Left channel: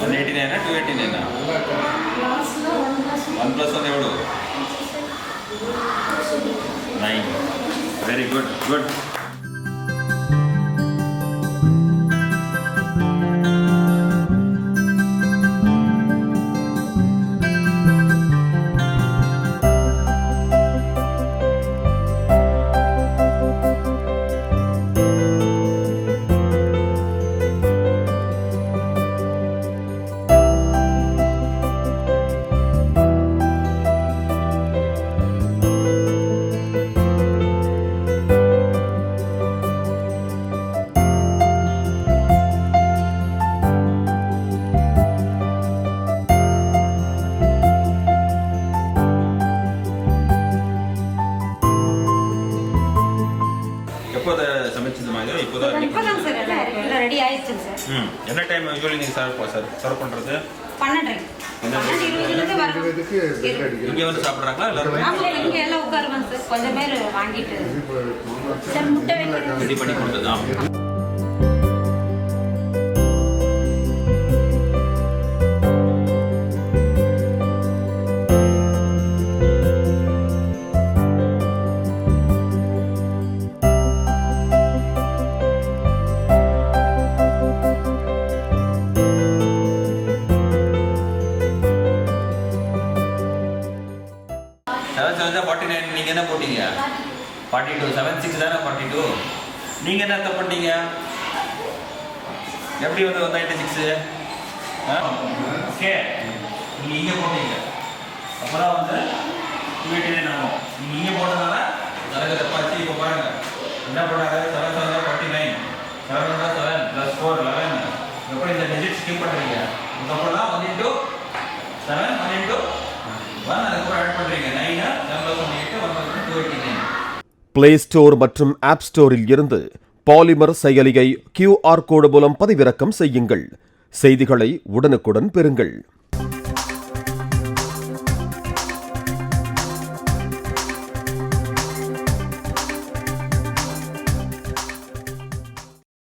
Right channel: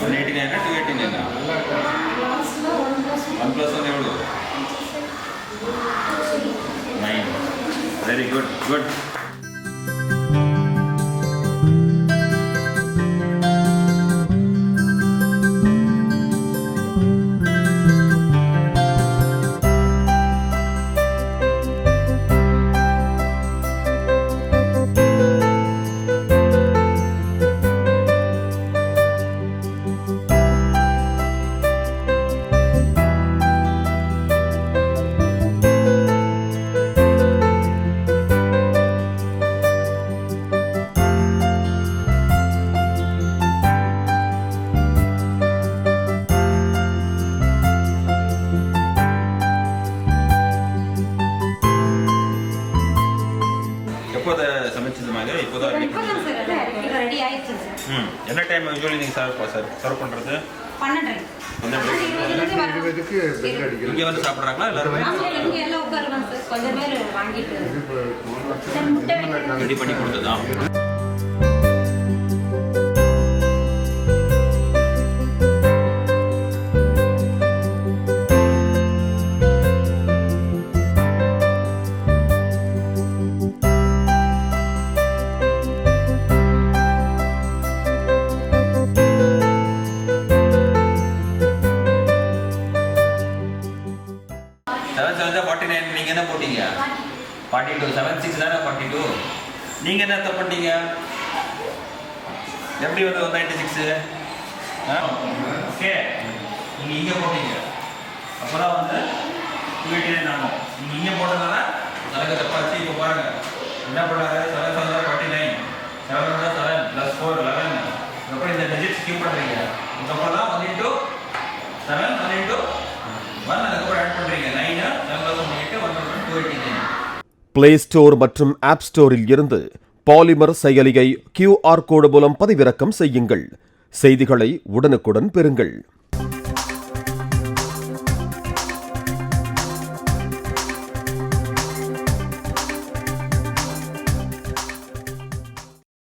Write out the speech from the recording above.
189 289 1 plus 1 ఎవడు 9 very good good எப்போது சமைச்சது மாதிரி இப்போதான் ரெடி ஆயிடுச்சு சார். என்ன டைம் யூஸ்வலி நீங்கள் சர்வ் பண்ணுறது 12 இங்கே வந்து சாப்பிட்றாங்களா எல்லாருமே இங்கே எல்லாம் உட்காருவாங்க சார். கொஞ்சம் பேர் வாங்கிட்டு ரெடி பண்ணி கொடுத்ததான். நீங்கள் என்ன போட்டீங்க 42 76 தானே 42 நீங்கள் என்ன தப்பு பண்ணீங்க எப்படி வந்து 196 ஓகே நீங்கள் இங்கே போட்டீங்க அப்போ தான் வந்து 289 ஆகும். நீங்கள் இங்கே போட்டதுனால எனக்கு தப்பாச்சு. இப்போ பாருங்கள் என்ன பண்ணாங்க 7 7 49 7 7 + 4 11 எப்படி இந்த டிஜிட் ஸ்கிப் பண்ணுறீங்க. இதுக்கப்புறம் தான் 1 into 7 1 into 1 அதுக்கப்புறம் ஆட் பண்ணுறீங்க 9 7 + 1 8 1 289. பிளே ஸ்டோர் மற்றும் ஆப் ஸ்டோரில் இருந்து பாலிமர் செயலியை QR கோடு மூலம் பதிவிறக்கம் செய்யுங்கள். செய்திகளை உடனுக்குடன் பெறுங்கள்.